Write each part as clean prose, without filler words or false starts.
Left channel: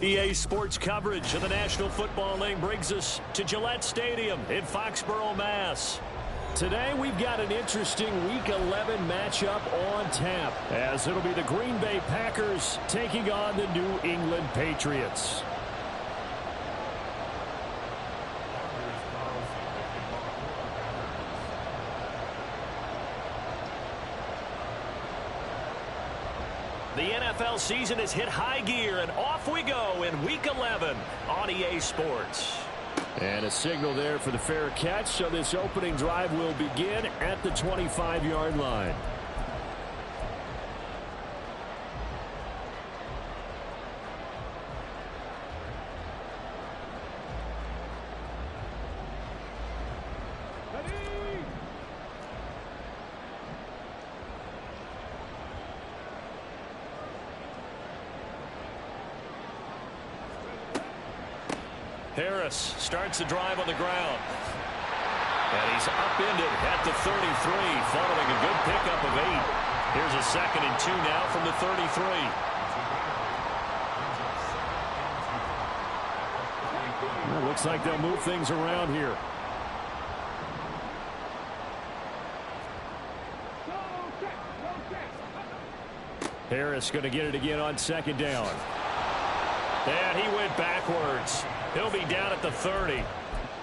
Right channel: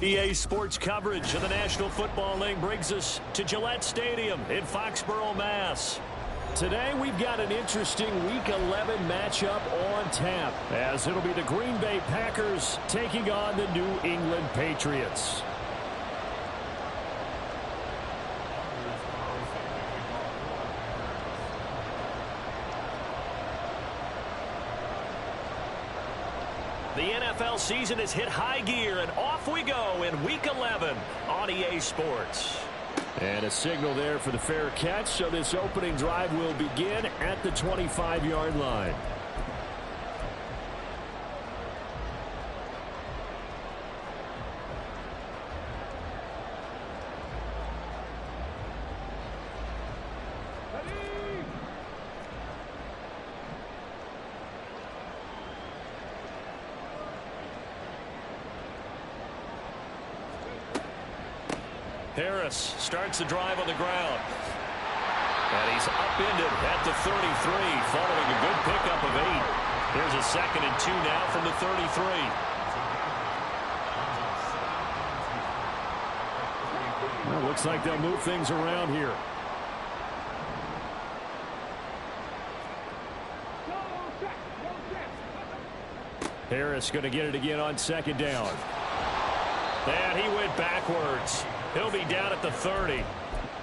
EA Sports coverage of the National Football League brings us to Gillette Stadium in Foxborough, Mass. Today we've got an interesting Week 11 matchup on tap, as it'll be the Green Bay Packers taking on the New England Patriots. The NFL season has hit high gear, and off we go in Week 11 on EA Sports. And a signal there for the fair catch, so this opening drive will begin at the 25-yard line. Harris starts the drive on the ground. And he's upended at the 33 following a good pickup of 8. Here's a 2nd and 2 now from the 33. Well, looks like they'll move things around here. Harris going to get it again on 2nd down. And he went backwards. He'll be down at the 30.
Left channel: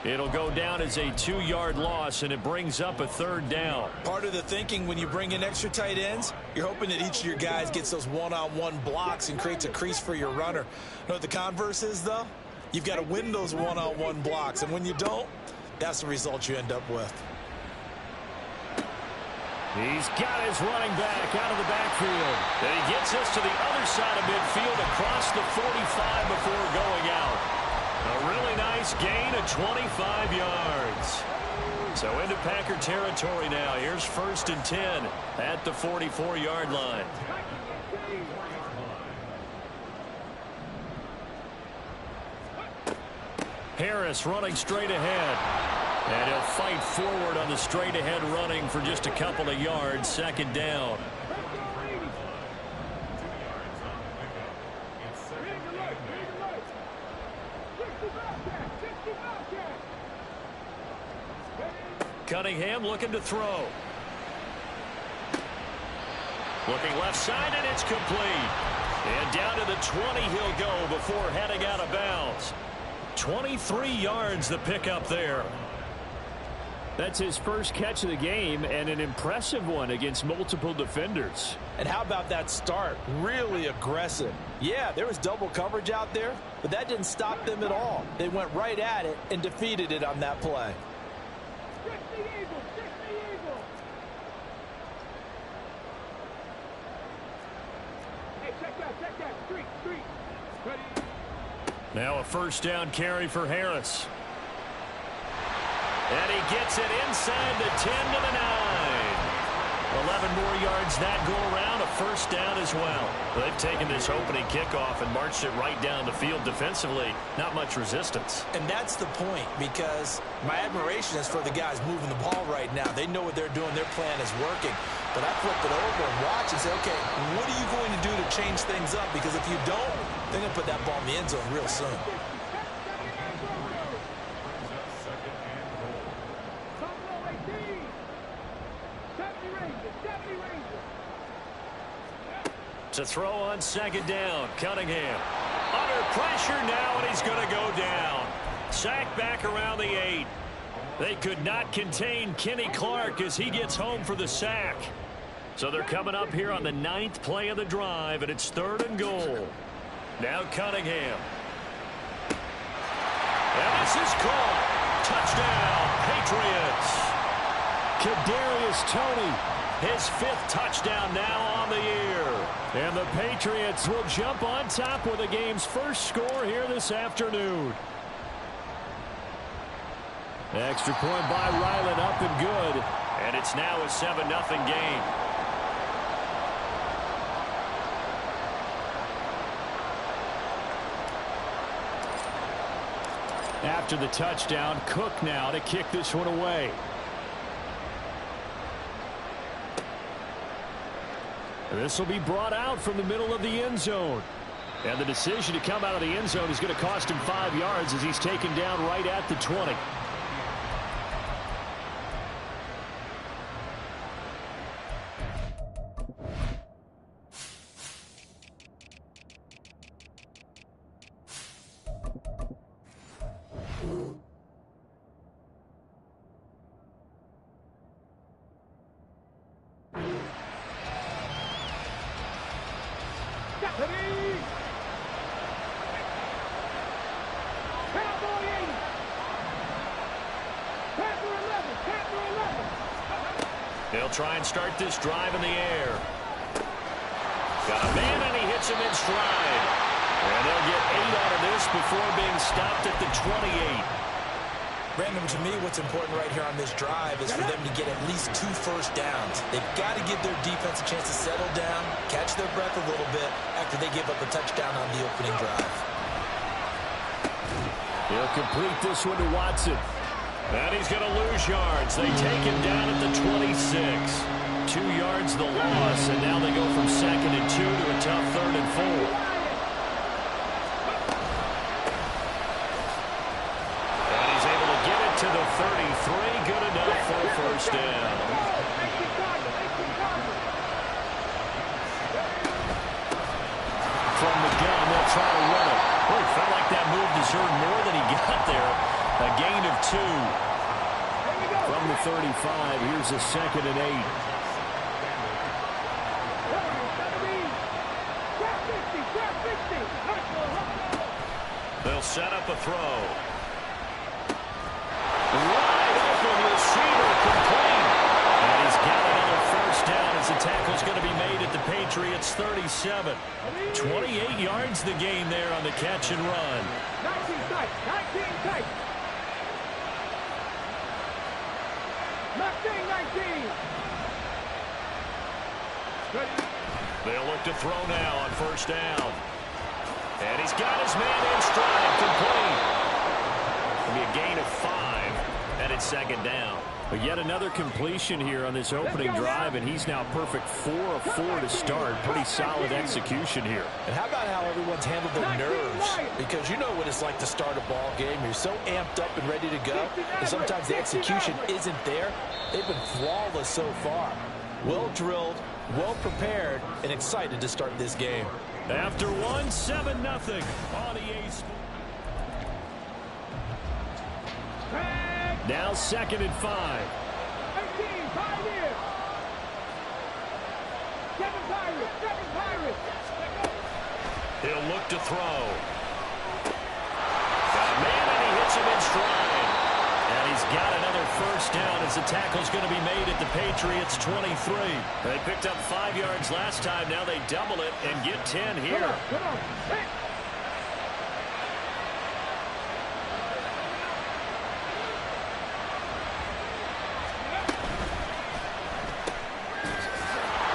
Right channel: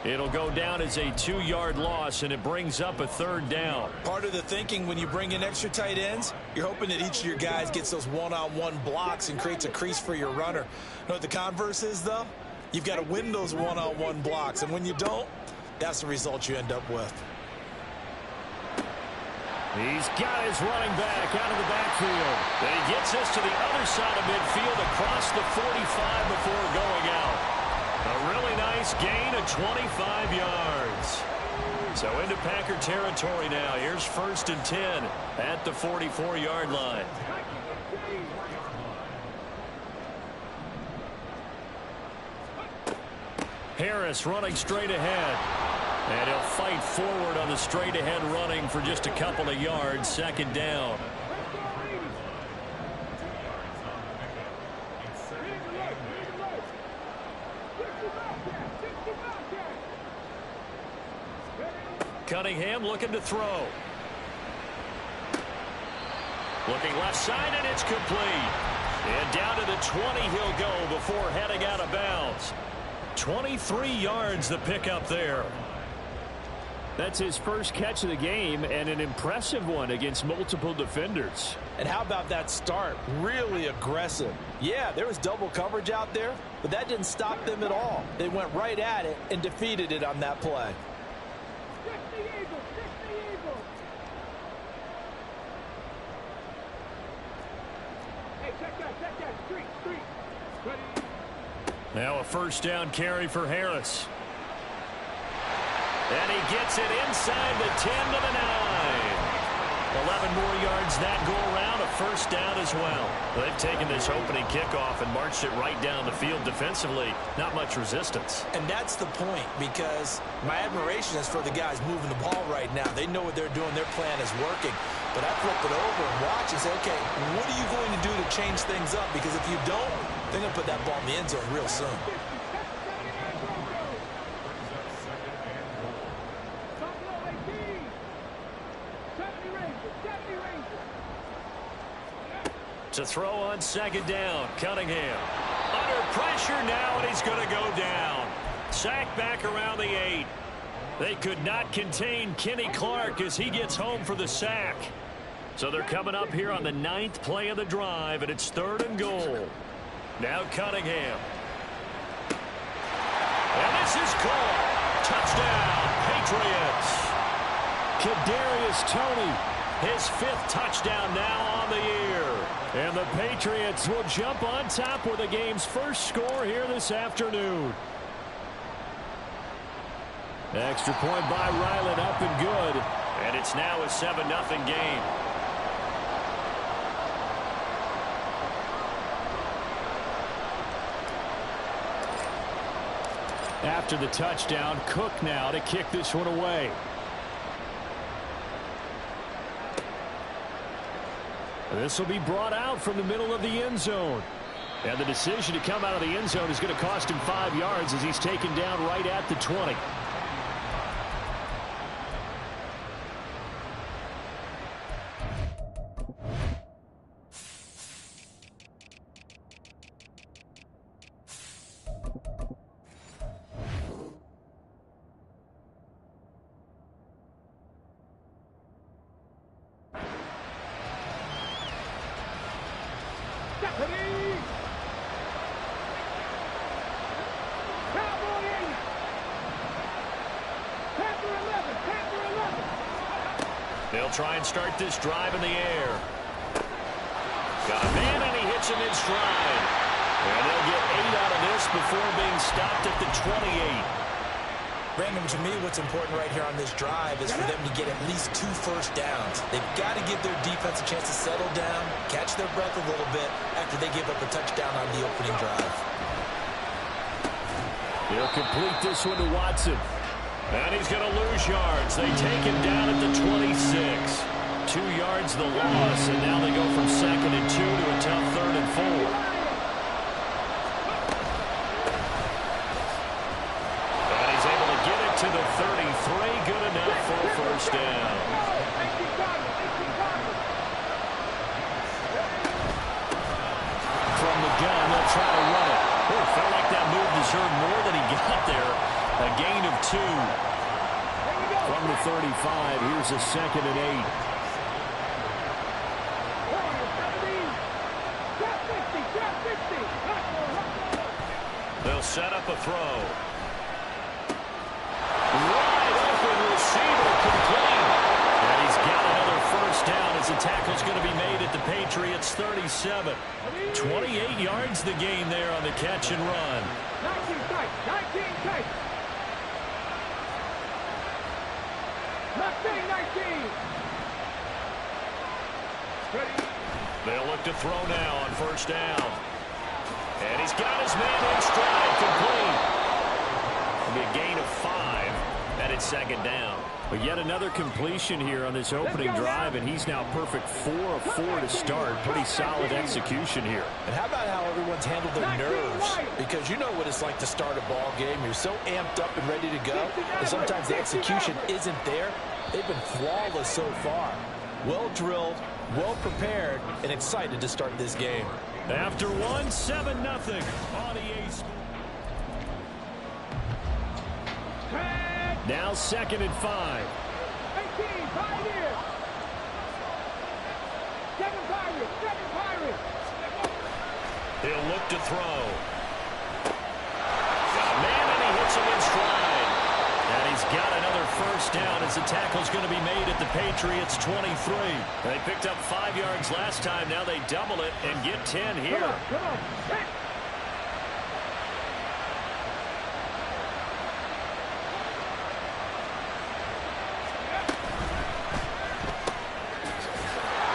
It'll go down as a 2-yard loss, and it brings up a 3rd down. Part of the thinking when you bring in extra tight ends, you're hoping that each of your guys gets those one-on-one blocks and creates a crease for your runner. You know what the converse is, though? You've got to win those one-on-one blocks, and when you don't, that's the result you end up with. He's got his running back out of the backfield. And he gets this to the other side of midfield across the 45 before going out. A really nice gain of 25 yards. So into Packer territory now. Here's 1st and 10 at the 44-yard line. Harris running straight ahead. And he'll fight forward on the straight-ahead running for just a couple of yards. 2nd down. Cunningham looking to throw. Looking left side, and it's complete. And down to the 20 he'll go before heading out of bounds. 23 yards the pickup there. That's his first catch of the game, and an impressive one against multiple defenders. And how about that start? Really aggressive. Yeah, there was double coverage out there, but that didn't stop them at all. They went right at it and defeated it on that play. Hey, check that, street. Now a 1st down carry for Harris. And he gets it inside the 10 to the 9. 11 more yards that go around, a 1st down as well. They've taken this opening kickoff and marched it right down the field defensively. Not much resistance. And that's the point, because my admiration is for the guys moving the ball right now. They know what they're doing. Their plan is working. But I flip it over and watch and say, okay, what are you going to do to change things up? Because if you don't, they're going to put that ball in the end zone real soon. To throw on 2nd down, Cunningham. Under pressure now, and he's going to go down. Sacked back around the 8. They could not contain Kenny Clark as he gets home for the sack. So they're coming up here on the 9th play of the drive, and it's 3rd and goal. Now Cunningham. And this is caught. Touchdown, Patriots. Kadarius Toney His 5th touchdown now on the year. And the Patriots will jump on top with the game's first score here this afternoon. Extra point by Ryland, up and good. And it's now a 7-0 game. After the touchdown, Cook now to kick this one away. This will be brought out from the middle of the end zone. And the decision to come out of the end zone is going to cost him 5 yards as he's taken down right at the 20. They'll try and start this drive in the air. Got a man, and he hits him in stride. And they'll get 8 out of this before being stopped at the 28. Brandon, to me, what's important right here on this drive is for them to get at least 2 first downs. They've got to give their defense a chance to settle down, catch their breath a little bit after they give up a touchdown on the opening drive. He'll complete this one to Watson. And he's going to lose yards. They take him down at the 26. 2 yards the loss, and now they go from 2nd and 2 to a tough 3rd and 4. And he's able to get it to the 33. Good enough for a first down. From the gun, they'll try to run it. Oh, felt like that move deserved more than he got there. A gain of 2. From the 35, here's a 2nd and 8. They'll set up a throw. Wide open receiver, complete. And he's got another first down as the tackle's going to be made at the Patriots' 37. 28 yards the gain there on the catch and run. 19 tight. 19. They'll look to throw now on first down. And he's got his man in stride, complete. It'll be a gain of 5, and it's 2nd down. But yet another completion here on this opening drive, and he's now perfect 4 of 4 to start. Pretty solid execution here. And how about how everyone's handled their nerves? Because you know what it's like to start a ball game. You're so amped up and ready to go, and sometimes the execution isn't there. They've been flawless so far. Well drilled, well prepared, and excited to start this game. After 7-0 on EA Sports. Now 2nd and 5. 18, Pioneers. 7 Pirates. He'll look to throw. Got a man, and he hits him in stride. And he's got another first down as the tackle's going to be made at the Patriots' 23. They picked up 5 yards last time. Now they double it and get 10 here. Come on.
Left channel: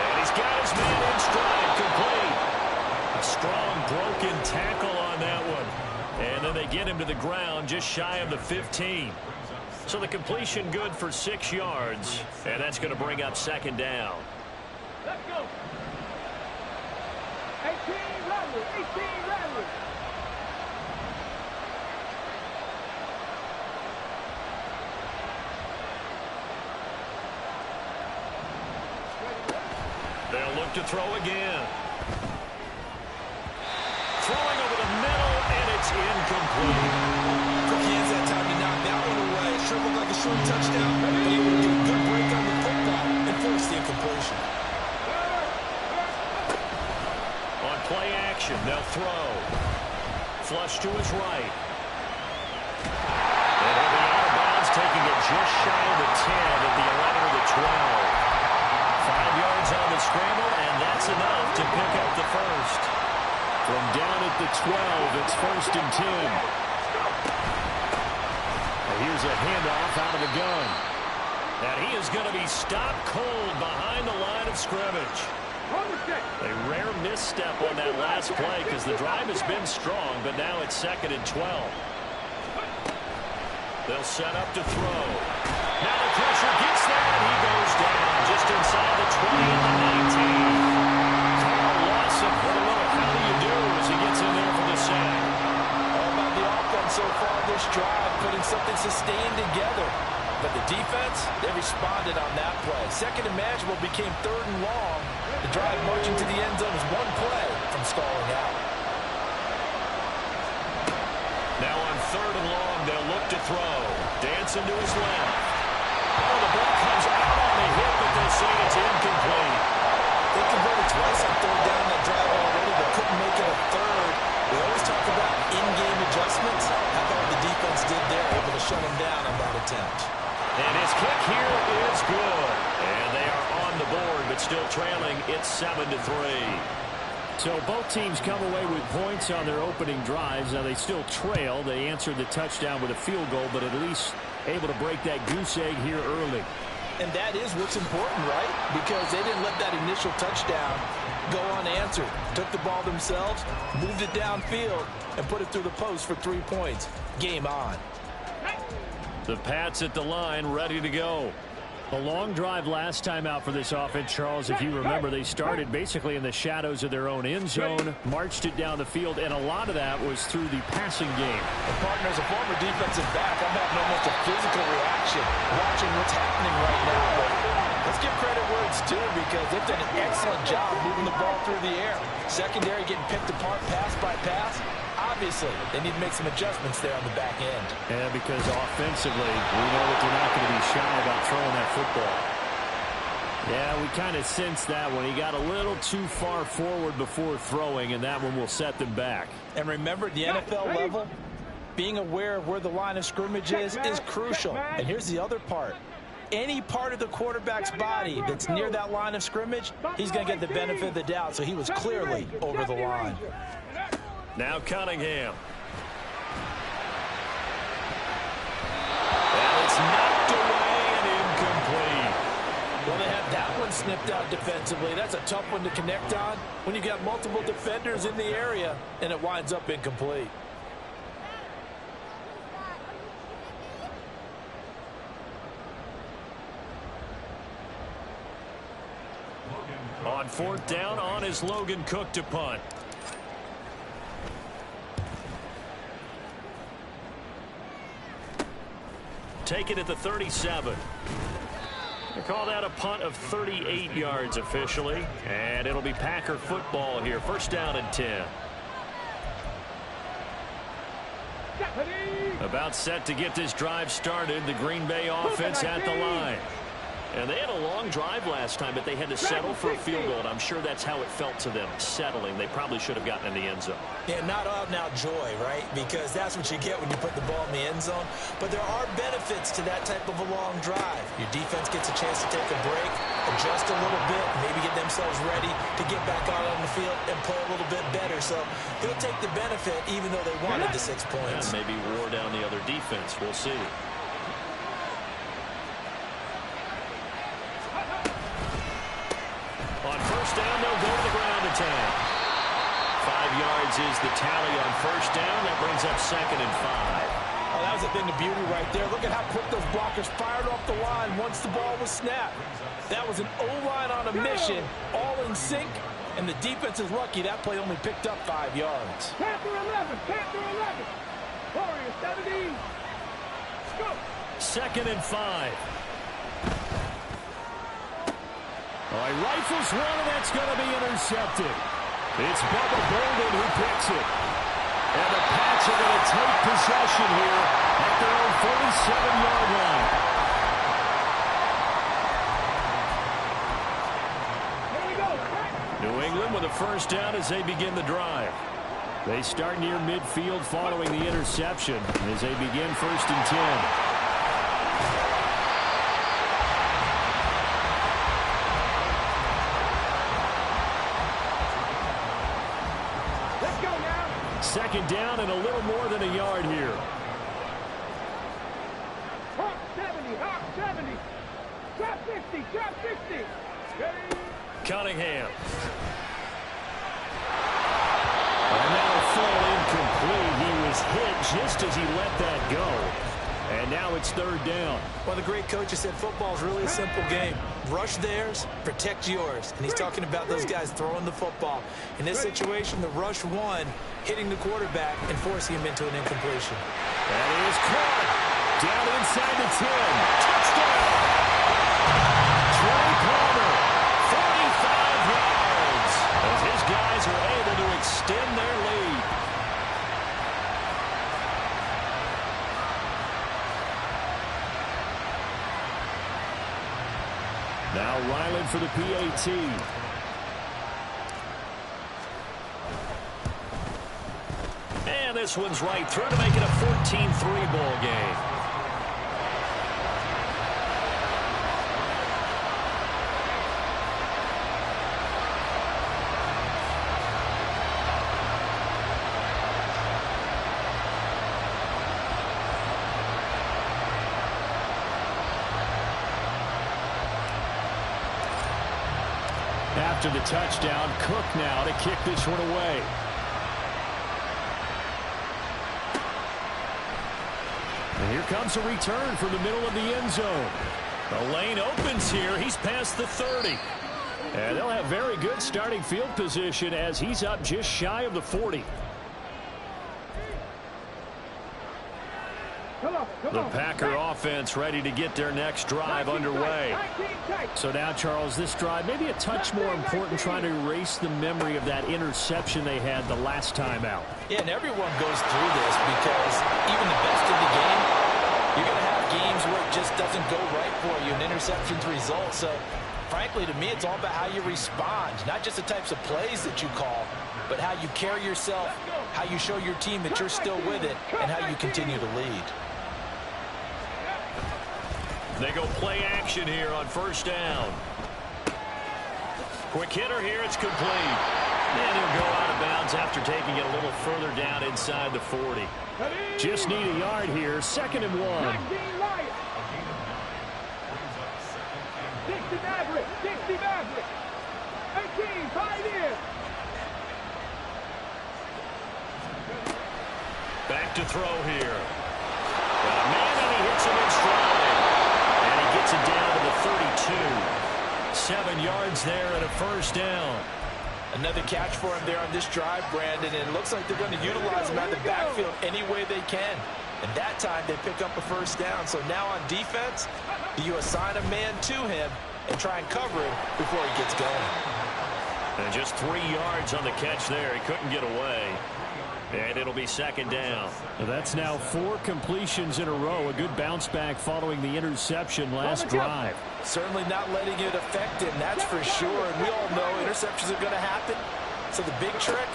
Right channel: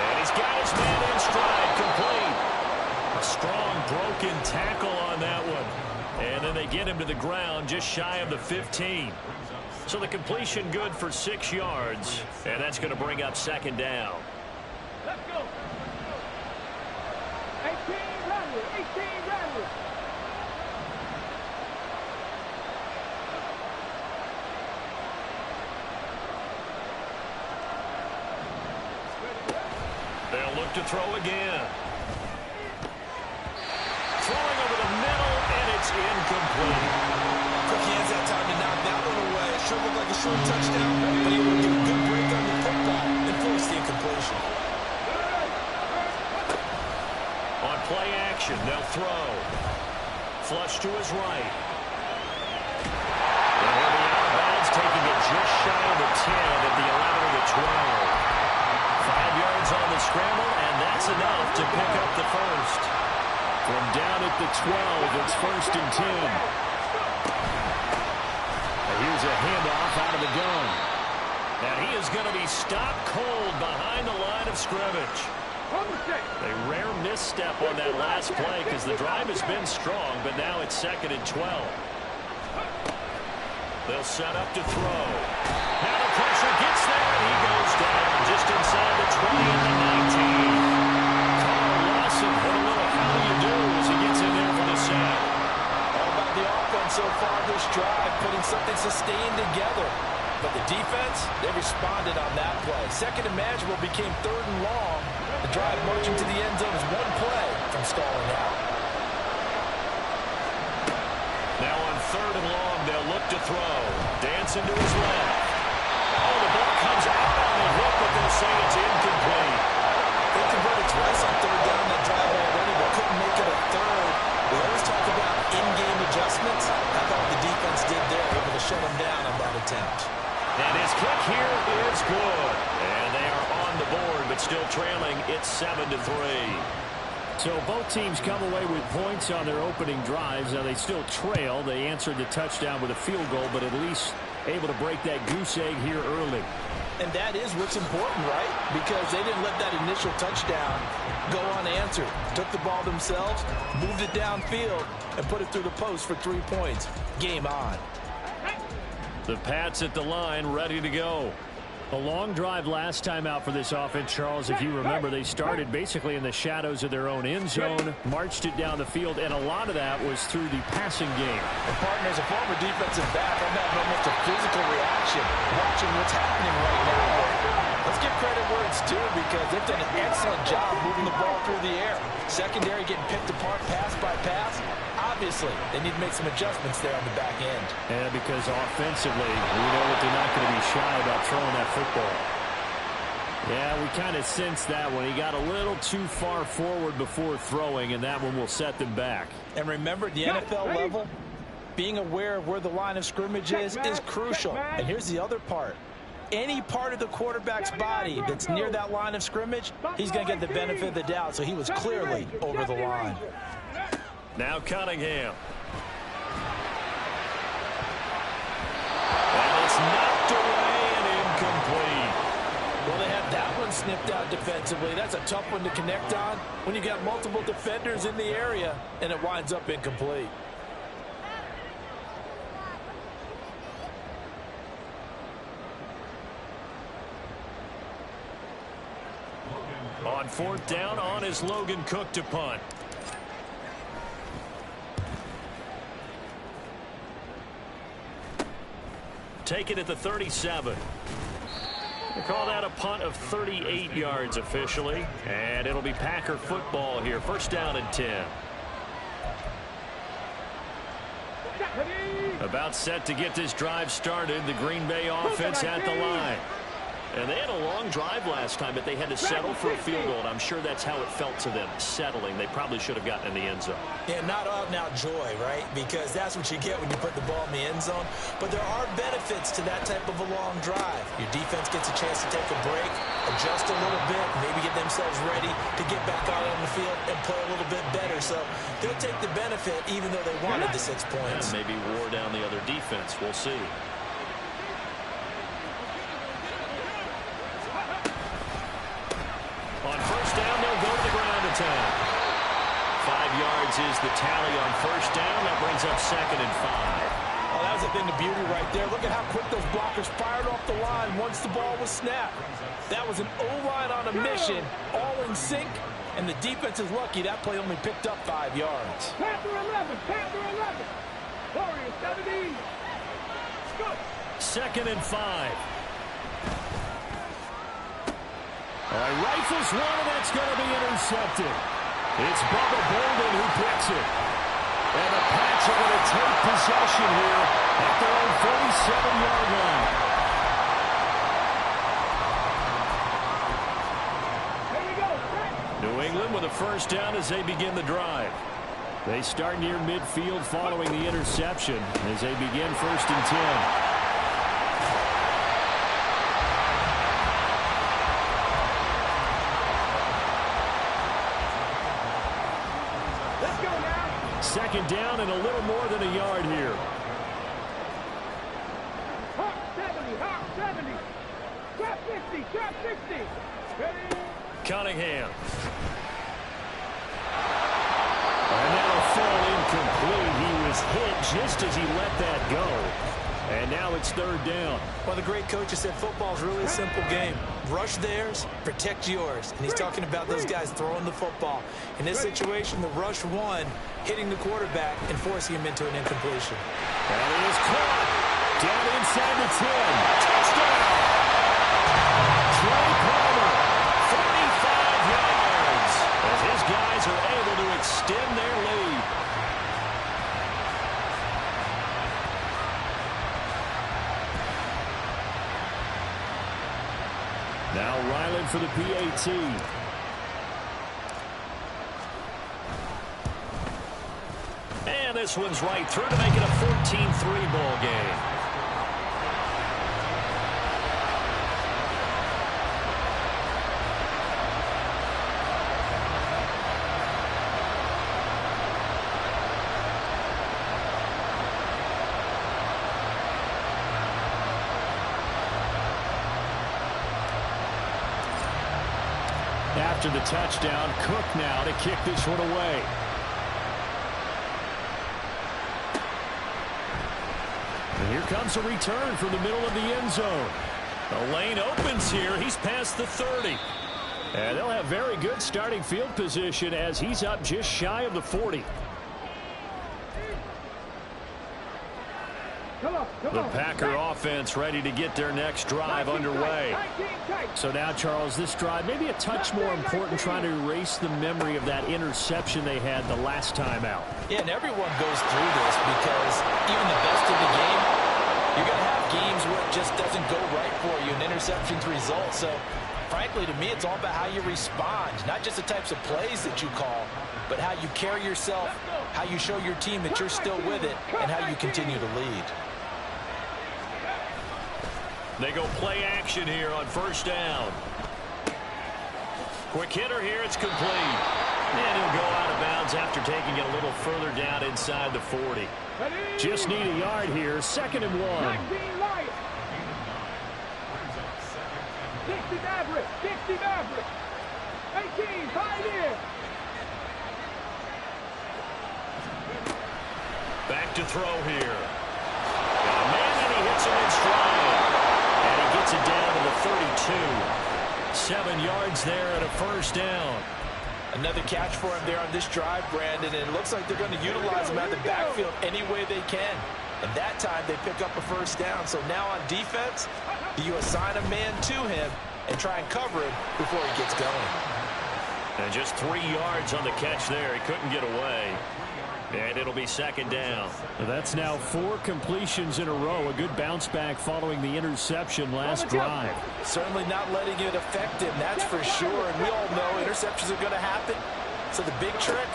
And he's got his man in stride, complete. A strong broken tackle on that one. And then they get him to the ground just shy of the 15. So the completion good for 6 yards. And that's going to bring up 2nd down. Let's go. 18 Rattler. They'll look to throw again. Throwing over the middle, and it's incomplete. Quick hands that time to knock that one away. It sure looked like a short touchdown, but he would get a good break on the football and force the incompletion. On play action, they'll throw. Flush to his right. And he'll be out of bounds, taking it just shy of the 10 at the 11 or the 12. yards on the scramble, and that's enough to pick up the first. From down at the 12, it's 1st and 10. And here's a handoff out of the gun. And he is going to be stopped cold behind the line of scrimmage. A rare misstep on that last play because the drive has been strong, but now it's 2nd and 12. They'll set up to throw. Now the pressure gets there, and he goes down just inside the 20 at the 19. Carl Lawson with a little how do you do as he gets in there for the sack. All about the offense so far this drive, putting something sustained together. But the defense, they responded on that play. 2nd and manageable became 3rd and long. The drive marching to the end zone is one play from stalling out. Now on 3rd and long, they'll look to throw. Dancing to his left. Oh, the ball comes out on the hit, but they'll say it's incomplete. They converted twice on 3rd down that drive already, but couldn't make it a 3rd. We always talk about in-game adjustments. How about what the defense did there, able to shut them down on that attempt. And his kick here is good. And they are on the board, but still trailing. It's 7-3. So both teams come away with points on their opening drives. Now they still trail. They answered the touchdown with a field goal, but at least able to break that goose egg here early. And that is what's important, right? Because they didn't let that initial touchdown go unanswered. Took the ball themselves, moved it downfield, and put it through the post for 3 points. Game on. The Pats at the line, ready to go. A long drive last time out for this offense, Charles. If you remember, they started basically in the shadows of their own end zone, marched it down the field, and a lot of that was through the passing game. And partner, as a former defensive back, I'm having almost a physical reaction watching what's happening right now. But let's give credit where it's due because they've done an excellent job moving the ball through the air. Secondary getting picked apart pass by pass. Obviously, they need to make some adjustments there on the back end. Yeah, because offensively, we know that they're not going to be shy about throwing that football. Yeah, we kind of sensed that when he got a little too far forward before throwing, and that one will set them back. And remember, at the NFL level, being aware of where the line of scrimmage is crucial. And here's the other part. Any part of the quarterback's body that's near that line of scrimmage, he's going to get the benefit of the doubt, so he was clearly over the line. Now Cunningham. And it's knocked away and incomplete. Well, they had that one snipped out defensively. That's a tough one to connect on when you got multiple defenders in the area, and it winds up incomplete. On 4th down, on is Logan Cook to punt. Take it at the 37. They call that a punt of 38 yards officially. And it'll be Packer football here. 1st down and 10. About set to get this drive started. The Green Bay offense at the line. And they had a long drive last time, but they had to settle for a field goal, and I'm sure that's how it felt to them, settling. They probably should have gotten in the end zone. Yeah, not out-and-out joy, right? Because that's what you get when you put the ball in the end zone. But there are benefits to that type of a long drive. Your defense gets a chance to take a break, adjust a little bit, maybe get themselves ready to get back out on the field and play a little bit better. So they'll take the benefit even though they wanted the 6 points. Yeah, maybe wore down the other defense. We'll see. On 1st down, they'll go to the ground attack. 5 yards is the tally on 1st down. That brings up 2nd and 5. Oh, that was a thing of beauty right there. Look at how quick those blockers fired off the line once the ball was snapped. That was an O-line on a mission, all in sync, and the defense is lucky that play only picked up 5 yards. Panther 11, Panther 11. Warriors 17. Let's go. 2nd and 5. Oh, he rifles one, and that's going to be intercepted. It's Bubba Bolden who picks it. And the Pats are going to take possession here at their own 47-yard line. Here we go. New England with a 1st down as they begin the drive. They start near midfield following the interception as they begin 1st and 10. second down and a little more than a yard here. Hawk 70, Hawk 70. Trap 50, trap 60. Ready? Cunningham. And that'll fall incomplete. He was hit just as he let that go. And now it's third down. Well, the great coach has said football is really a simple game. Rush theirs, protect yours. And he's talking about those guys throwing the football. In this situation, the rush one, hitting the quarterback and forcing him into an incompletion. That is caught. Down inside the 10. Touchdown. Trey Palmer, 45 yards. As his guys are able to extend their lead. Now Ryland for the PAT. And this one's right through to make it a 14-3 ball game. After the touchdown, Cook now to kick this one away. And here comes a return from the middle of the end zone. The lane opens here. He's past the 30. And they'll have very good starting field position as he's up just shy of the 40. The Packer offense ready to get their next drive underway. So now, Charles, this drive maybe a touch more important, trying to erase the memory of that interception they had the last time out. Yeah, and everyone goes through this because even the best of the game, you're going to have games where it just doesn't go right for you, and interceptions result. So, frankly, to me, it's all about how you respond, not just the types of plays that you call, but how you carry yourself, how you show your team that you're still with it, and how you continue to lead. They go play action here on first down. Quick hitter here. It's complete. And he'll go out of bounds after taking it a little further down inside the 40. Just need a yard here. Second and 1. 60 Maverick. 60 Maverick. 18, Pioneer. Back to throw here. Got a man and he hits him in stride. And he gets it down to the 32. 7 yards there and a first down. Another catch for him there on this drive, Brandon, and it looks like they're going to utilize him out of the backfield any way they can. And that time they pick up a first down. So now on defense, you assign a man to him and try and cover him before he gets going. And just 3 yards on the catch there. He couldn't get away. And it'll be second down. That's now 4 completions in a row. A good bounce back following the interception last drive. Certainly not letting it affect him, that's for sure. And we all know interceptions are going to happen. So the big trick,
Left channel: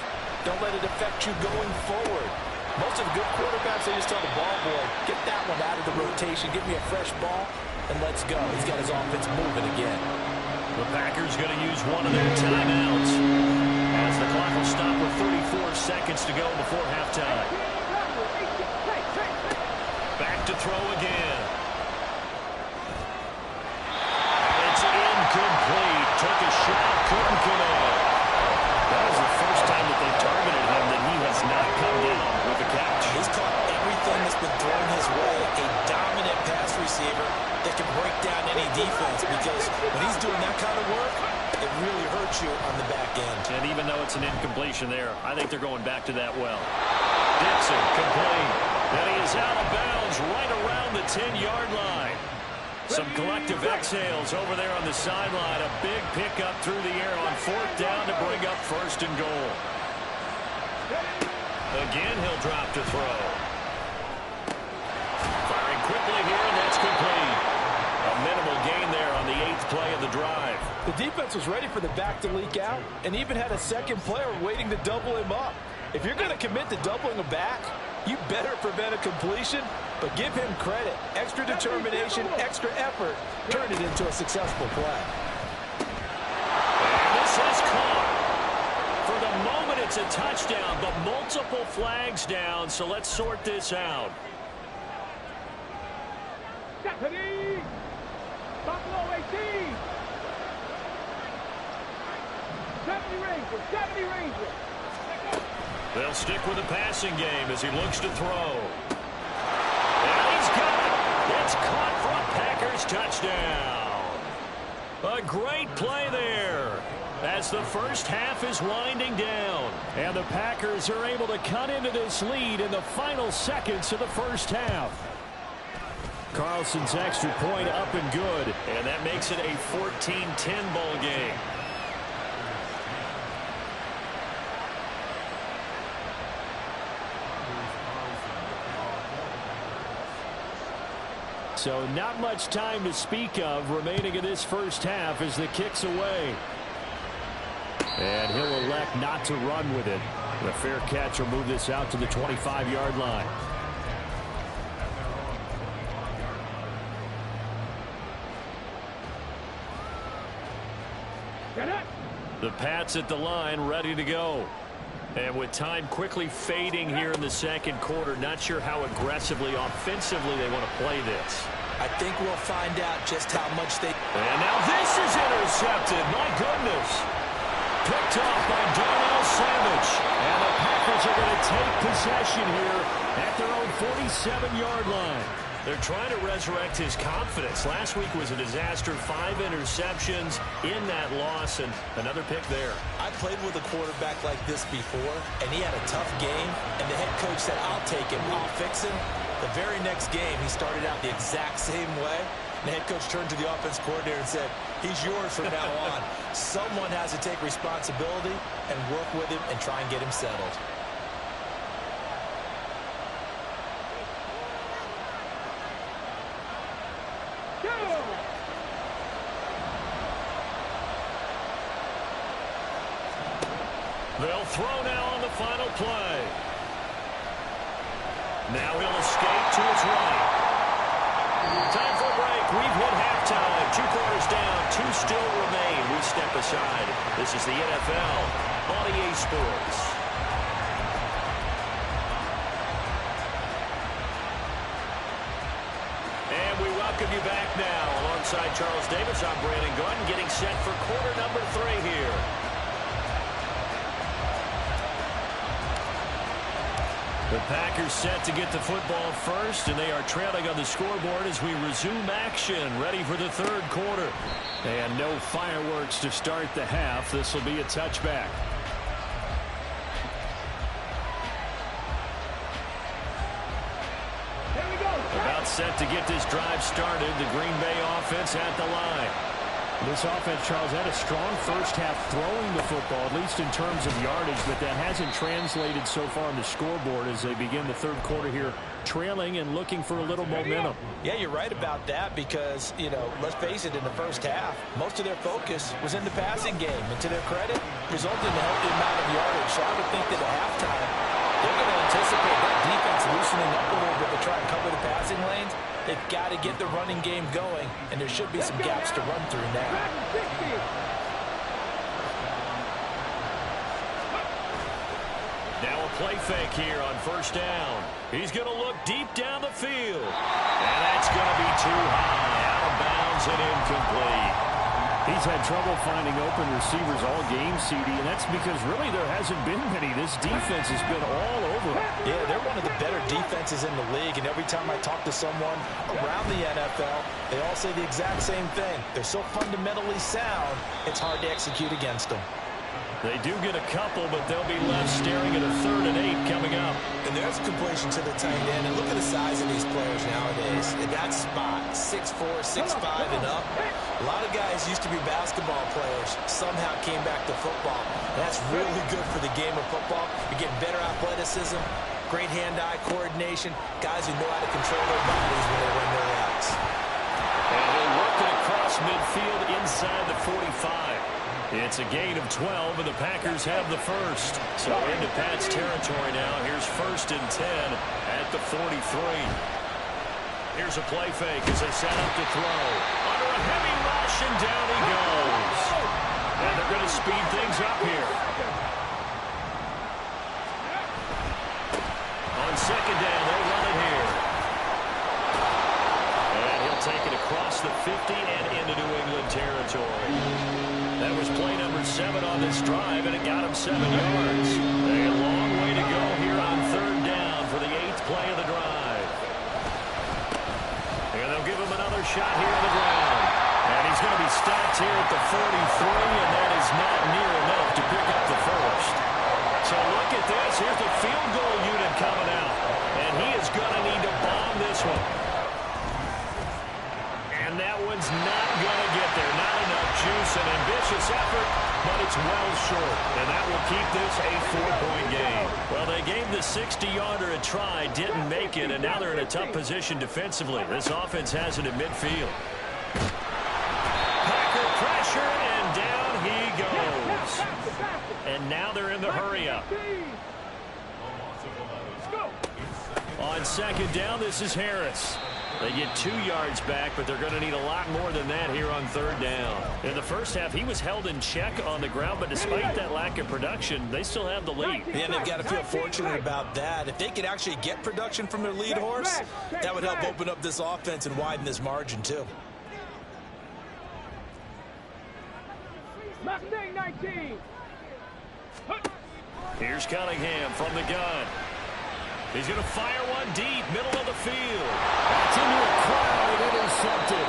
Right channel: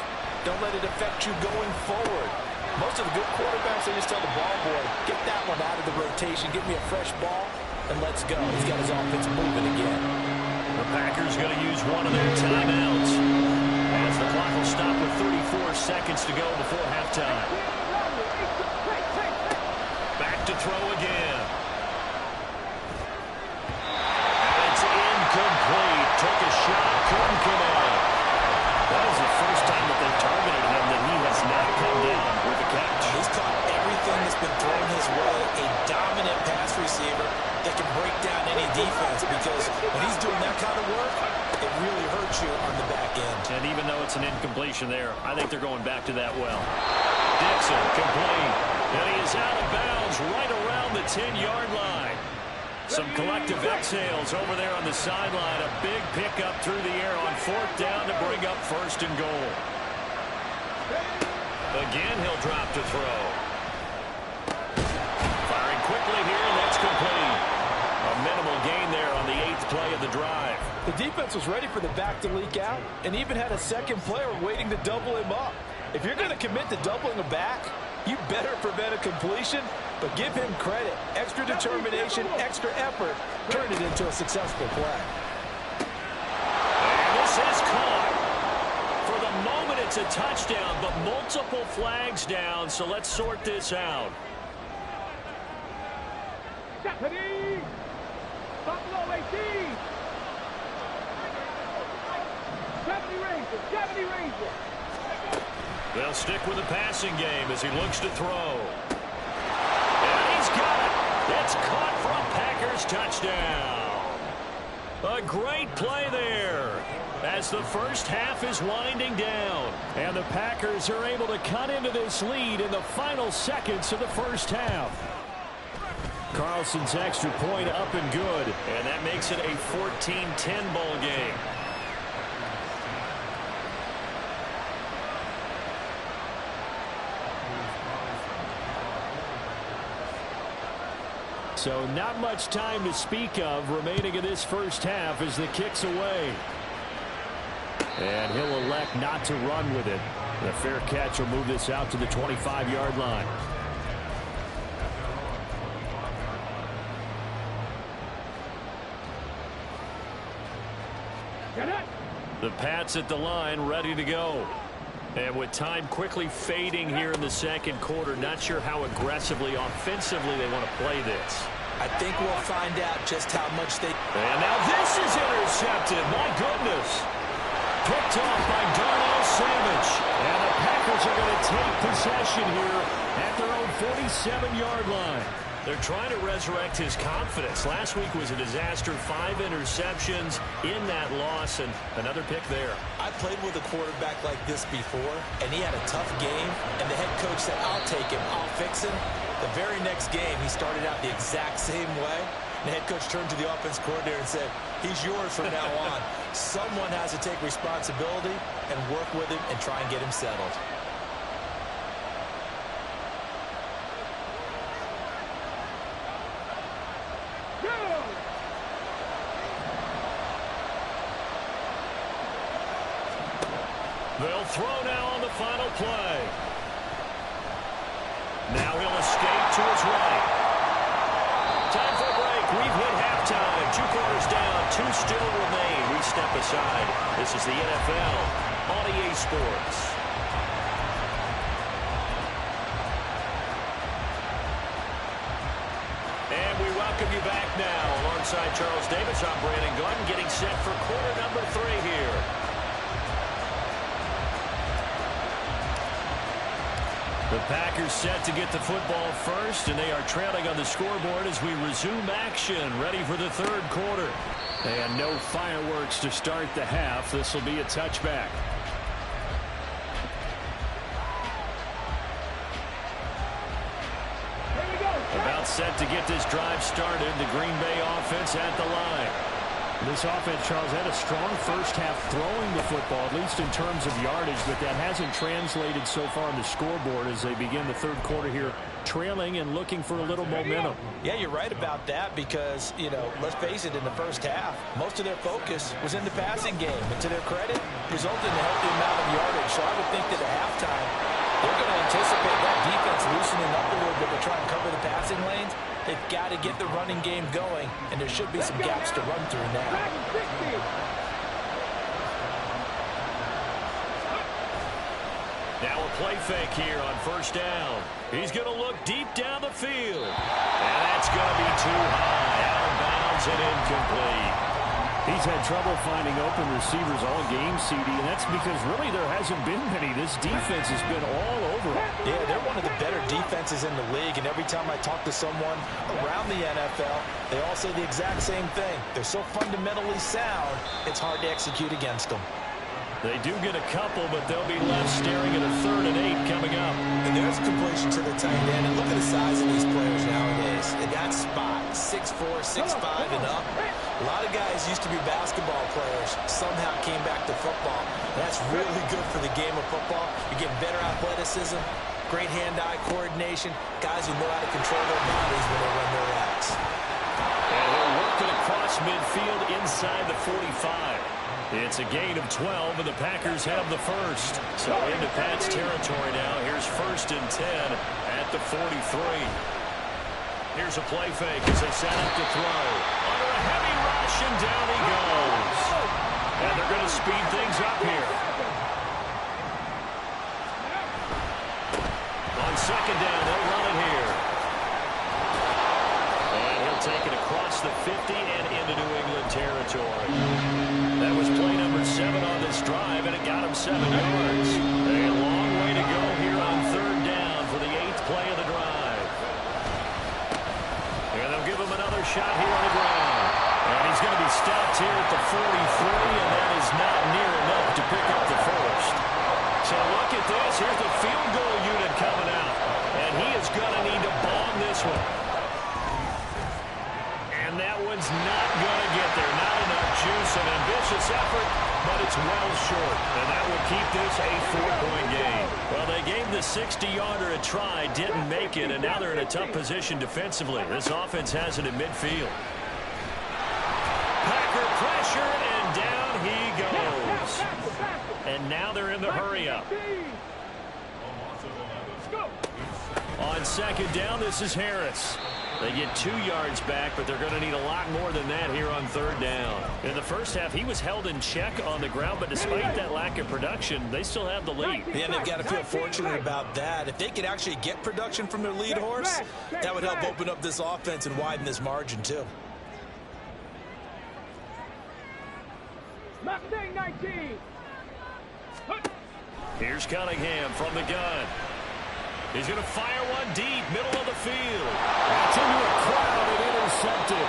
don't let it affect you going forward. Most of the good quarterbacks, they just tell the ball boy, get that one out of the rotation, give me a fresh ball, and let's go. He's got his offense moving again. The Packers going to use one of their timeouts, as the clock will stop with 34 seconds to go before halftime. Back to throw again. And it's incomplete. Took a shot, couldn't connect. That is the first time that they've targeted him that he has not come down with a catch. He's caught everything that's been thrown his way. A dominant pass receiver that can break down any defense, because when he's doing that kind of work, it really hurts you on the back end. And even though it's an incompletion there, I think they're going back to that well. Dixon complete. And he is out of bounds right around the 10-yard line. Some collective exhales over there on the sideline. A big pickup through the air on fourth down to bring up first and goal. Again, he'll drop to throw. Firing quickly here, and that's complete. A minimal gain there on the 8th play of the drive. The defense was ready for the back to leak out and even had a second player waiting to double him up. If you're going to commit to doubling a back, you better prevent a completion, but give him credit. Extra determination, extra effort, turned it into a successful play. And this is caught. For the moment, it's a touchdown, but multiple flags down, so let's sort this out. 70. Buffalo 18. 70 Rangers. 70 Rangers. They'll stick with the passing game as he looks to throw. And he's got it. It's caught for a Packers touchdown. A great play there as the first half is winding down. And the Packers are able to cut into this lead in the final seconds of the first half. Carlson's extra point up and good. And that makes it a 14-10 ball game. So not much time to speak of remaining in this first half as the kick's away. And he'll elect not to run with it. The fair catch will move this out to the 25-yard line. The Pats at the line, ready to go. And with time quickly fading here in the second quarter, not sure how aggressively, offensively they want to play this. I think we'll find out just how much they... And now this is intercepted. My goodness. Picked off by Darnell Savage. And the Packers are going to take possession here at their own 47-yard line. They're trying to resurrect his confidence. Last week was a disaster. 5 interceptions in that loss, and another pick there. I played with a quarterback like this before, and he had a tough game, and the head coach said, I'll take him, I'll fix him. The very next game, he started out the exact same way. And the head coach turned to the offense coordinator and said, he's yours from now on. Someone has to take responsibility and work with him and try and get him settled. They'll throw now on the final play. Now he'll escape to his right. Time for a break. We've hit halftime. 2 quarters down. 2 still remain. We step aside. This is the NFL on EA Sports. And we welcome you back now. Alongside Charles Davis, I'm Brandon Gunn, getting set for quarter number 3 here. The Packers set to get the football first, and they are trailing on the scoreboard as we resume action, ready for the third quarter. And no fireworks to start the half. This will be a touchback. Here we go. About set to get this drive started. The Green Bay offense at the line. This offense, Charles, had a strong first half throwing the football, at least in terms of yardage, but that hasn't translated so far on the scoreboard as they begin the third quarter here, trailing and looking for a little momentum. Yeah, you're right about that because, you know, let's face it, in the first half, most of their focus was in the passing game. And to their credit, resulted in a healthy amount of yardage. So I would think that at halftime, they're going to anticipate that defense loosening up a little bit to try and cover the passing lanes. They've got to get the running game going, and there should be some gaps to run through now. Now a play fake here on first down. He's going to look deep down the field. And that's going to be too high, out of bounds and incomplete. He's had trouble finding open receivers all game, CD, and that's because really there hasn't been many. This defense has been all over him. Yeah, they're one of the better defenses in the league, and every time I talk to someone around the NFL, they all say the exact same thing. They're so fundamentally sound, it's hard to execute against them. They do get a couple, but they'll be left staring at a 3rd and 8 coming up. And there's a completion to the tight end. And look at the size of these players nowadays. In that spot, 6'4", 6'5", and up. A lot of guys used to be basketball players, somehow came back to football. And that's really good for the game of football. You're getting better athleticism, great hand-eye coordination, guys who know how to control their bodies when they run their routes. And he'll work it across midfield inside the 45. It's a gain of 12, and the Packers have the first. So into Pat's territory now. Here's 1st and 10 at the 43. Here's a play fake as they set up to throw. Under a heavy rush, and down he goes. And they're going to speed things up here. On second down, they'll run it here. And he'll take it across the 50 and into New England territory. That was play number 7 on this drive, and it got him 7 yards. A long way to go here on third down for the 8th play of the drive. And they'll give him another shot here on the ground. And he's going to be stopped here at the 43, and that is not near enough to pick up the first. So look at this. Here's the field goal unit coming out. And he is going to need to bomb this one. And that one's not going to get there. Not enough juice. An ambitious effort, but it's well short. And that will keep this a 4-point game. Well, they gave the 60-yarder a try, didn't make it, and now they're in a tough position defensively. This offense has it at midfield. Packer pressure, and down he goes. And now they're in the hurry-up. On second down, this is Harris. They get 2 yards back, but they're going to need a lot more than that here on third down. In the first half, he was held in check on the ground, but despite that lack of production, they still have the lead. Yeah, they've got to feel fortunate about that. If they could actually get production from their lead horse, that would help open up this offense and widen this margin, too. Mustang 19. Here's Cunningham from the gun. He's going to fire one deep, middle of the field. That's into a crowd and intercepted.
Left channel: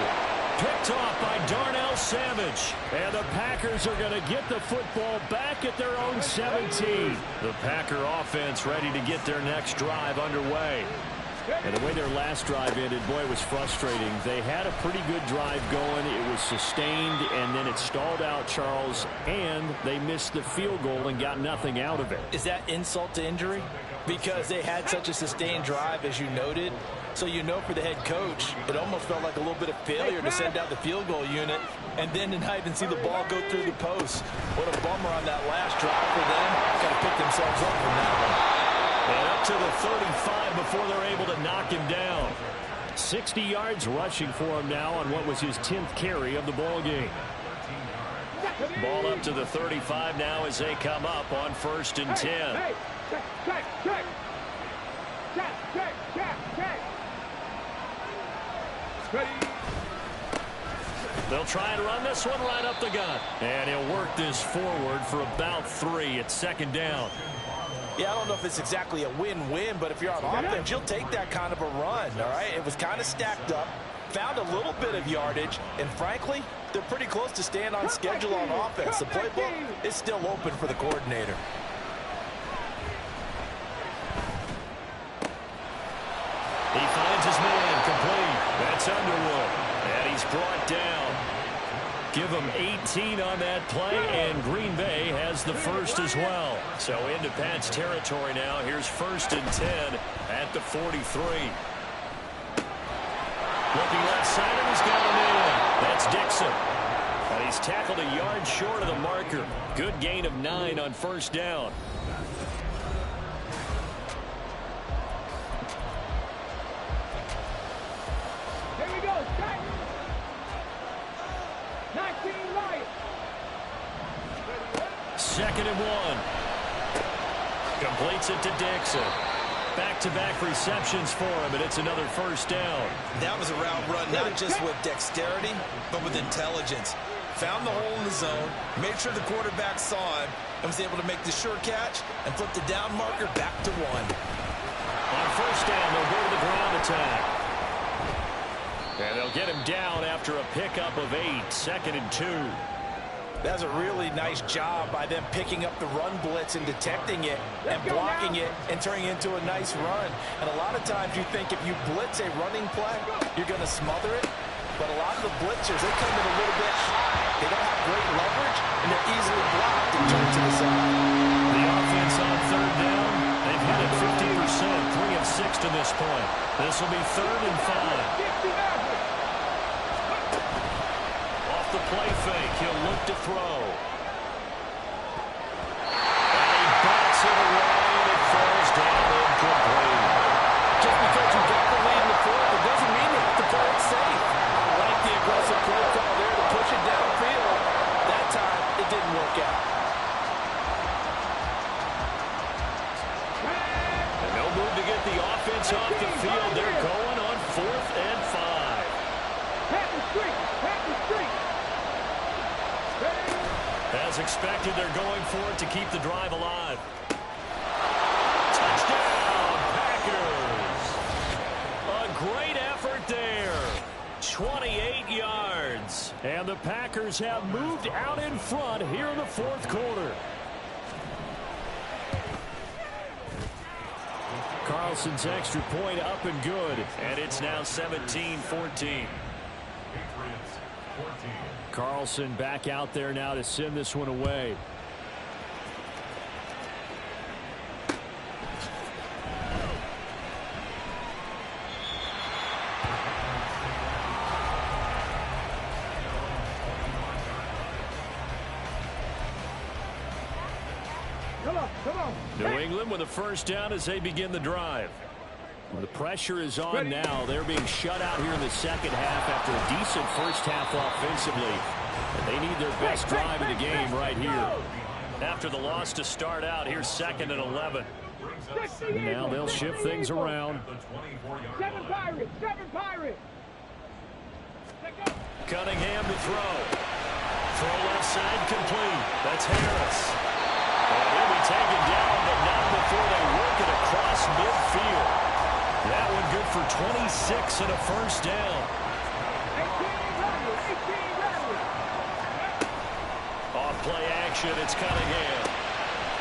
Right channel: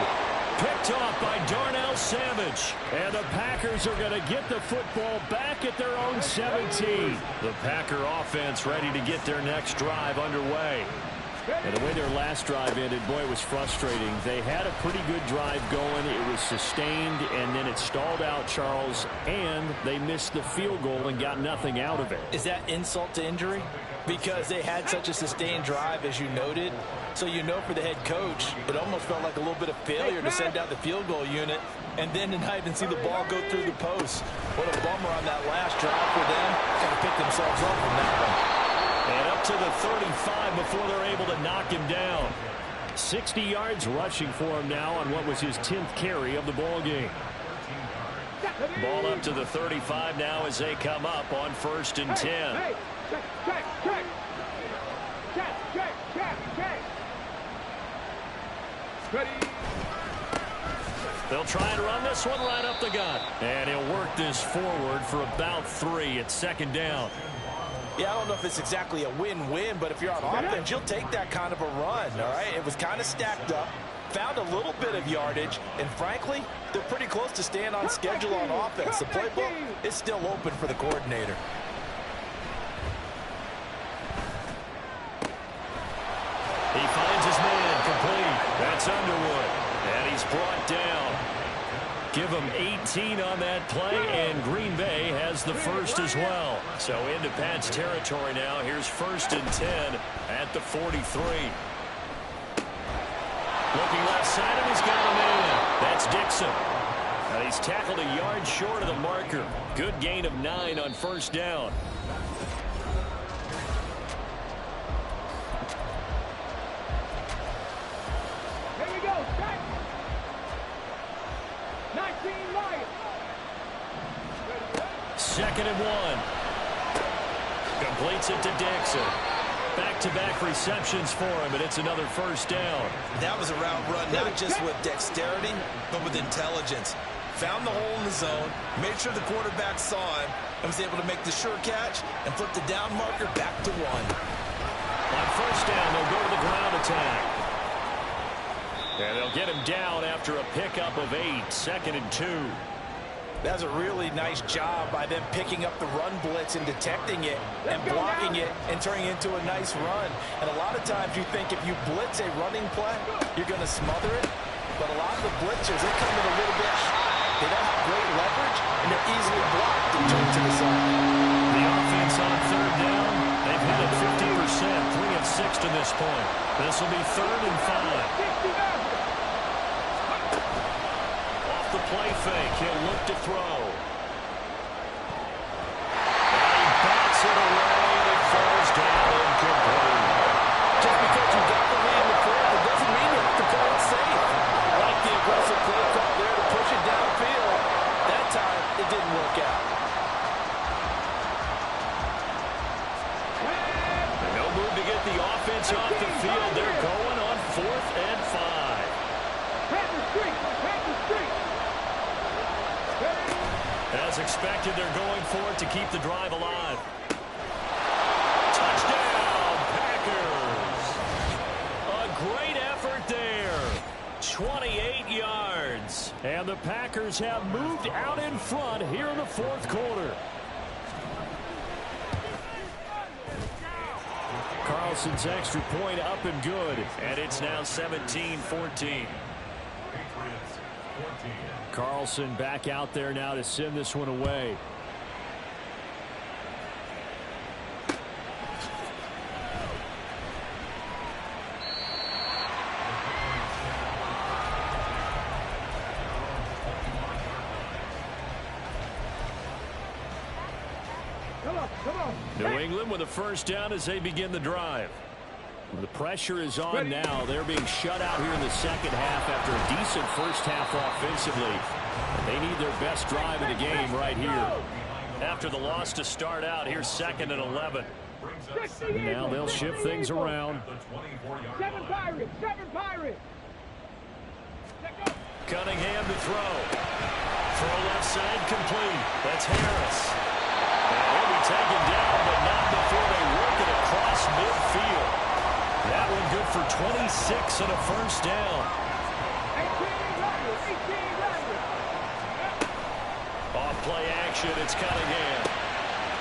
Picked off by Darnell Savage. And the Packers are going to get the football back at their own 17. The Packer offense ready to get their next drive underway. And the way their last drive ended, boy, it was frustrating. They had a pretty good drive going. It was sustained, and then it stalled out, Charles, and they missed the field goal and got nothing out of it. Is that insult to injury? Because they had such a sustained drive, as you noted. So you know for the head coach, it almost felt like a little bit of failure to send out the field goal unit and then to not even see the ball go through the post. What a bummer on that last drive for them. Got to pick themselves up from that one. And up to the 35 before they're able to knock him down. 60 yards rushing for him now on what was his 10th carry of the ball game. Ball up to the 35 now as they come up on 1st and 10. Hey, check, check, check. Check, check, check, check. Ready. They'll try and run this one right up the gut. And he'll work this forward for about 3 at 2nd down. Yeah, I don't know if it's exactly a win-win, but if you're on offense, you'll take that kind of a run, all right? It was kind of stacked up, found a little bit of yardage, and frankly, they're pretty close to staying on schedule on offense. The playbook is still open for the coordinator. He finds his man complete. That's Underwood. And he's brought down. Give him 18 on that play, and Green Bay has the first as well. So into Pat's territory now. Here's 1st and 10 at the 43. Looking left side, and he's got a man. That's Dixon. And he's tackled a yard short of the marker. Good gain of 9 on 1st down. Here we go, strike. 19 Lions. 2nd and 1. Completes it to Dixon. Back-to-back receptions for him, and it's another 1st down. That was a route run, not just with dexterity, but with intelligence. Found the hole in the zone, made sure the quarterback saw him, and was able to make the sure catch and flip the down marker back to 1. On 1st down, they'll go to the ground attack. And they'll get him down after a pickup of 8, 2nd and 2. That's a really nice job by them picking up the run blitz and detecting it and blocking it and turning it into a nice run. And a lot of times you think if you blitz a running play, you're going to smother it. But a lot of the blitzers, they come in a little bit high. They don't have great leverage, and they're easily blocked and turned to the side. The offense on 3rd down, they've hit it 50%, 3 of 6 to this point. This will be 3rd and 5. Off the play fake, he'll look to throw. And he bats it away, and it falls down incomplete. Just because you got the lead in the fourth, it doesn't mean you have to play it safe. I like the aggressive play call there to push it downfield. That time, it didn't work out. And no move to get the offense off the field. They're going on 4th and 5. Pat the streak. Pat the streak. Ready? As expected, they're going for it to keep the drive alive. Touchdown, Packers. A great effort there. 28 yards. And the Packers have moved out in front here in the 4th quarter. Carlson's extra point up and good. And it's now 17-14. Carlson back out there now to send this one away. Come on. New England with a first down as they begin the drive. The pressure is on now. They're being shut out here in the second half after a decent first half offensively. And they need their best drive of the game right here. After the loss to start out, here's 2nd and 11. Now they'll shift things around. 7 Pirates. 7 Pirates. Cunningham to throw. Throw left side complete. That's Harris. And he'll be taken down, but not before they work it across midfield. That one good for 26 and a first down. 18 Off play action, it's Cunningham.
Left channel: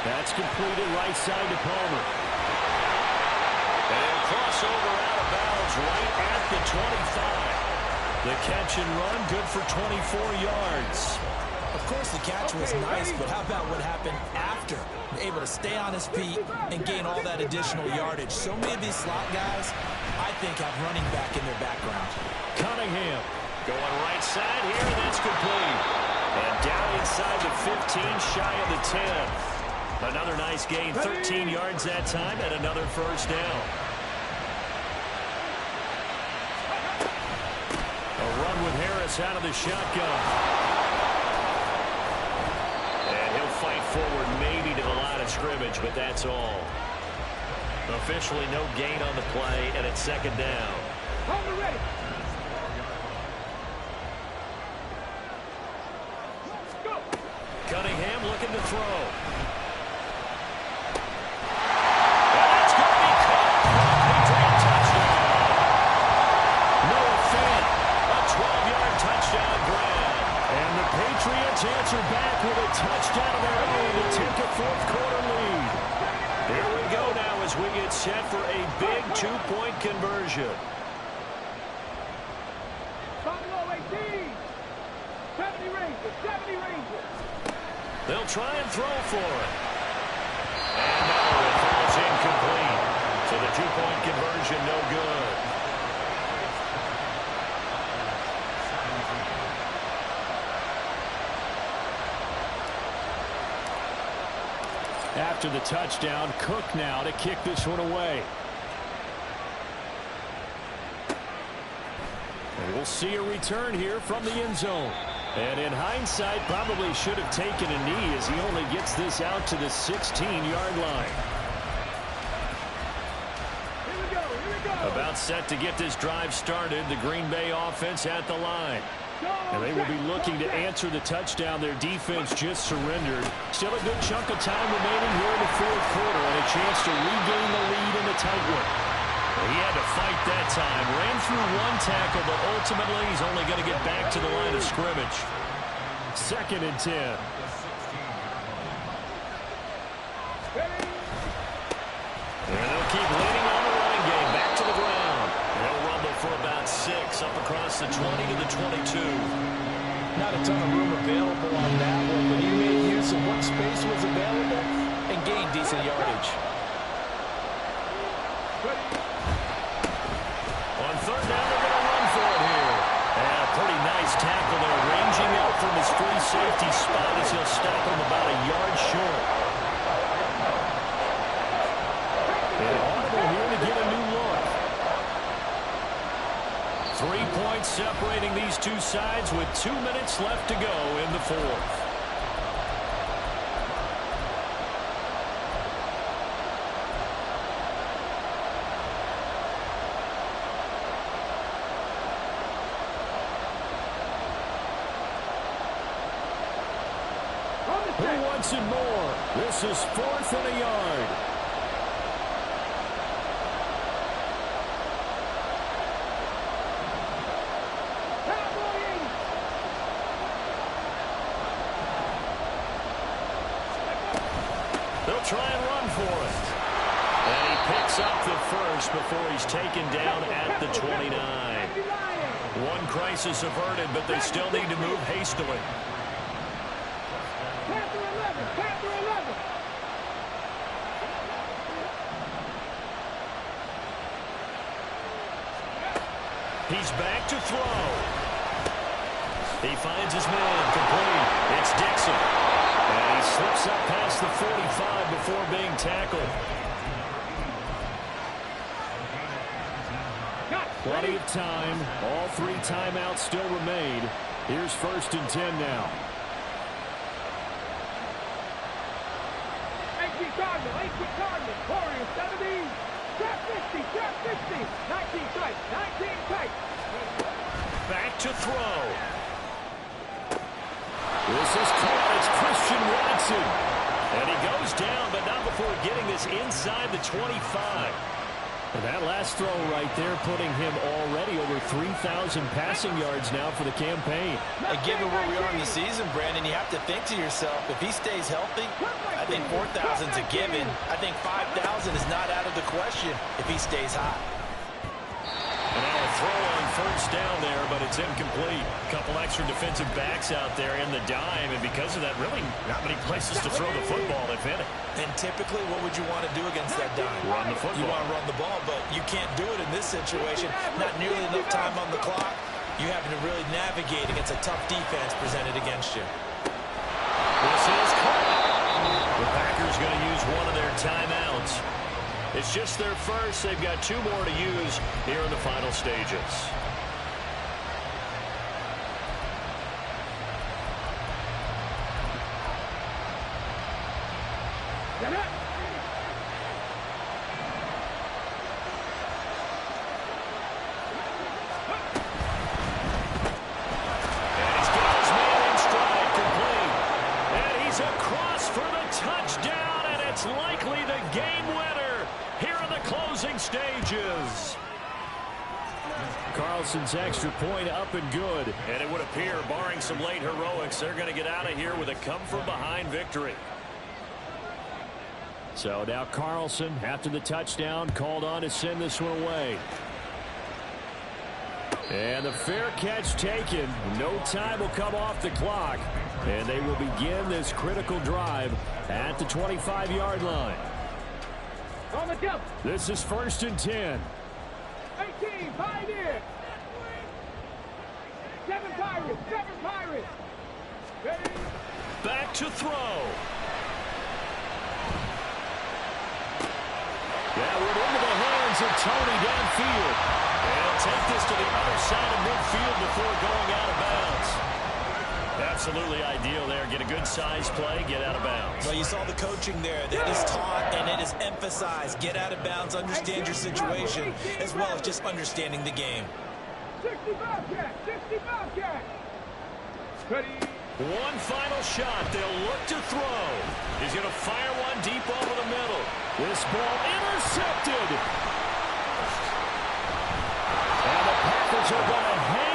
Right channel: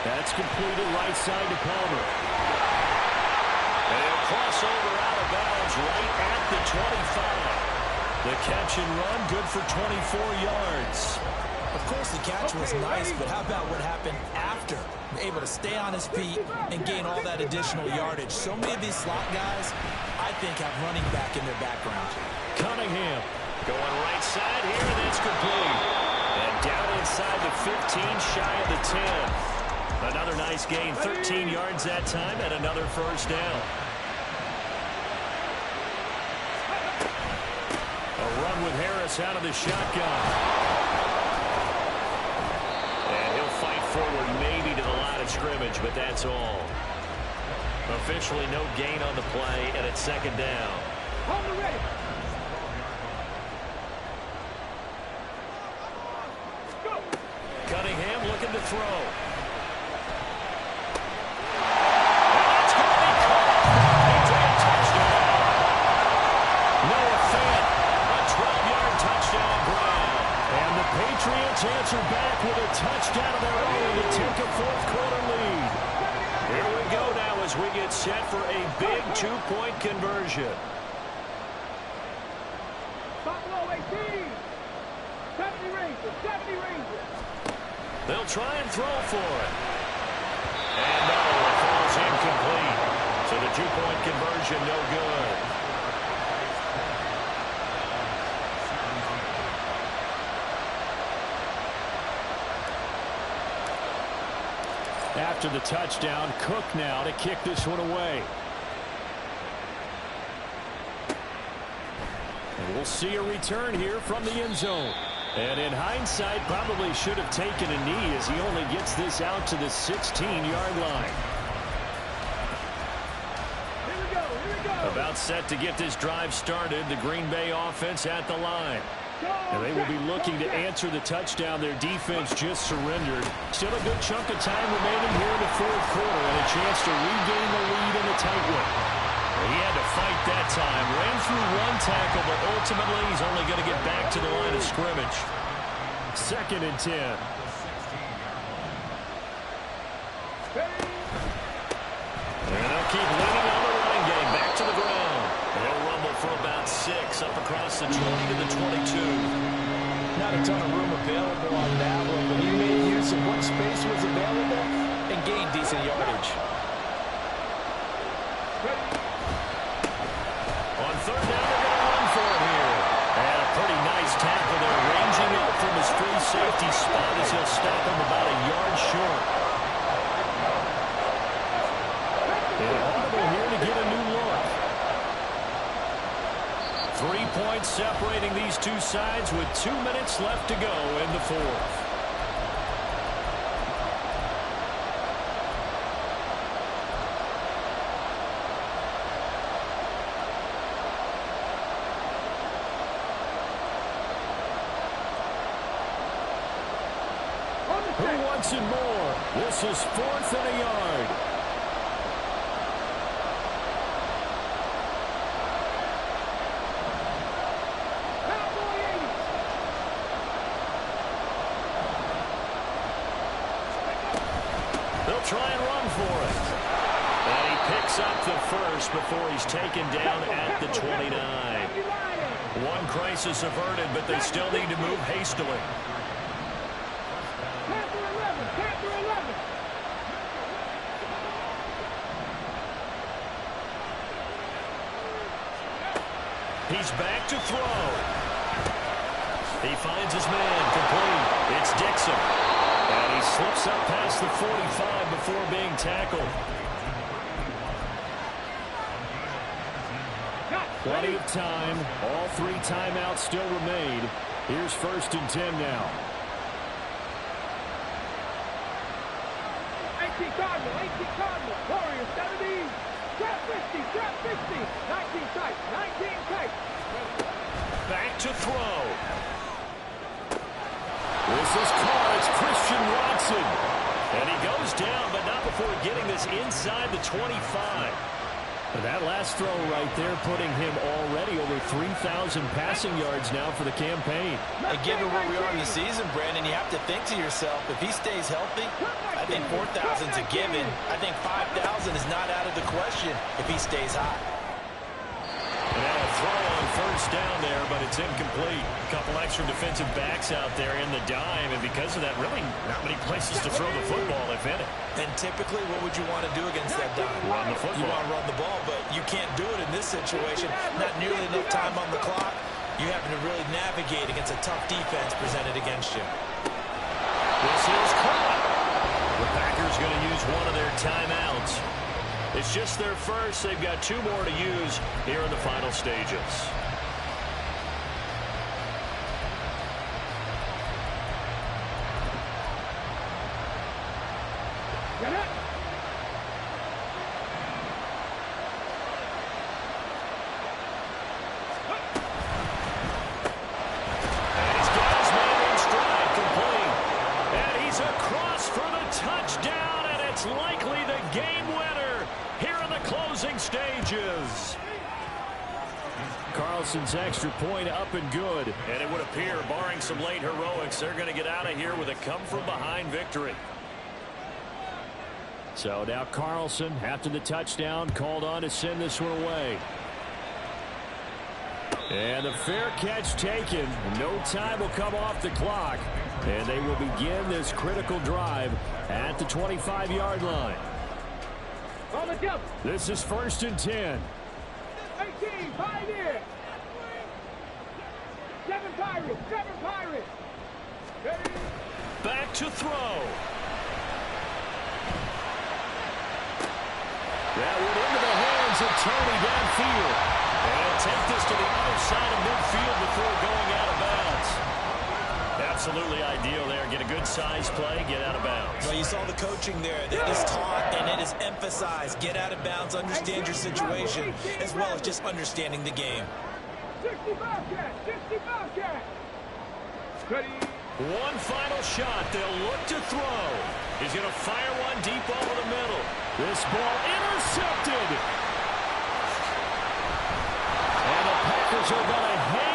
That's completed right side to Palmer. And he'll cross over out of bounds right at the 25. The catch and run, good for 24 yards. Of course, the catch was nice, but how about what happened after? Able to stay on his feet and gain all that additional yardage. So many of these slot guys, I think, have running back in their background. Cunningham going right side here, and that's complete. And down inside the 15, shy of the 10. Another nice gain, 13 yards that time, and another first down. A run with Harris out of the shotgun. Fight forward maybe to the line of scrimmage, but that's all. Officially no gain on the play, and it's 2nd down. Ready. Go. Cunningham looking to throw. And that's going to be caught. Patriot touchdown. Noah Fant, a 12-yard touchdown grab. And the Patriots answer back with a touchdown of their own to take a 4th quarter lead. Here we go now as we get set for a big 2-point conversion. Buffalo 18. 70 Rangers. 70 Rangers. They'll try and throw for it. And no, it falls incomplete. So the 2-point conversion no good. After the touchdown, Cook now to kick this one away. And we'll see a return here from the end zone. And in hindsight, probably should have taken a knee as he only gets this out to the 16-yard line. Here we go. About set to get this drive started. The Green Bay offense at the line. And they will be looking to answer the touchdown. Their defense just surrendered. Still a good chunk of time remaining here in the 4th quarter and a chance to regain the lead in a tight one. He had to fight that time. Ran through one tackle, but ultimately he's only going to get back to the line of scrimmage. 2nd and 10. And they'll keep leaning on the running game. Back to the ground. They'll rumble for about 6 up across the 20 to the 22. Not a ton of room available on that one, but he made use of what space was available and gained decent yardage. On 3rd down, they're going to run for it here. And a pretty nice tackle there, ranging out from his free safety spot as he'll stop him about a yard short. And audible here to get a new look. 3 points separating these two sides with 2 minutes left to go in the 4th. Who wants it more? This is 4th and a yard. Cowboy 80. They'll try and run for it. And he picks up the first before he's taken down at the 29. One crisis averted, but they still need to move hastily. Panther 11. Panther 11. He's back to throw. He finds his man complete. It's Dixon. And he slips up past the 45 before being tackled. Plenty of time. All 3 timeouts still remain. Here's 1st and 10 now. 18 Cardinal. 18 Cardinal. Warriors 70. Trap 50. Trap 50. 19 tight. 19 tight. Back to throw. This is caught. It's Christian Watson. And he goes down, but not before getting this inside the 25. And that last throw right there putting him already over 3,000 passing yards now for the campaign. And given where we are in the season, Brandon, you have to think to yourself, if he stays healthy, I think 4,000 is a given. I think 5,000 is not out of the question if he stays hot. And now a throw on 1st down there, but it's incomplete. A couple extra defensive backs out there in the dime, and because of that, really not many places to throw the football, if any. And typically, what would you want to do against that dime? Run the football. You want to run the ball, but you can't do it in this situation. Not nearly enough time on the clock. You have to really navigate against a tough defense presented against you. This is caught. The Packers going to use one of their timeouts. It's just their first. They've got 2 more to use here in the final stages. Get it. And he's got his man in stride, complete. And he's across for the touchdown, and it's likely the game winner here in the closing stages. Carlson's extra point up and good. And it would appear, barring some late heroics, they're going to get out of here with a come-from-behind victory. So now Carlson, after the touchdown, called on to send this one away. And the fair catch taken. No time will come off the clock. And they will begin this critical drive at the 25-yard line. On the jump. This is 1st and 10. 18. Pioneer. 7 Pirates. 7 Pirates. Ready. Back to throw. That went into the hands of Tony downfield. And he'll take this to the other side of midfield before going out of bounds. Absolutely ideal there. Get a good size play, get out of bounds. Well, you saw the coaching there. That is taught and it is emphasized. Get out of bounds, understand your situation, as well as just understanding the game. 60 Bobcat. 60 Bobcat. Ready. One final shot. They'll look to throw. He's going to fire one deep over the middle. This ball intercepted. And the Packers are going to hang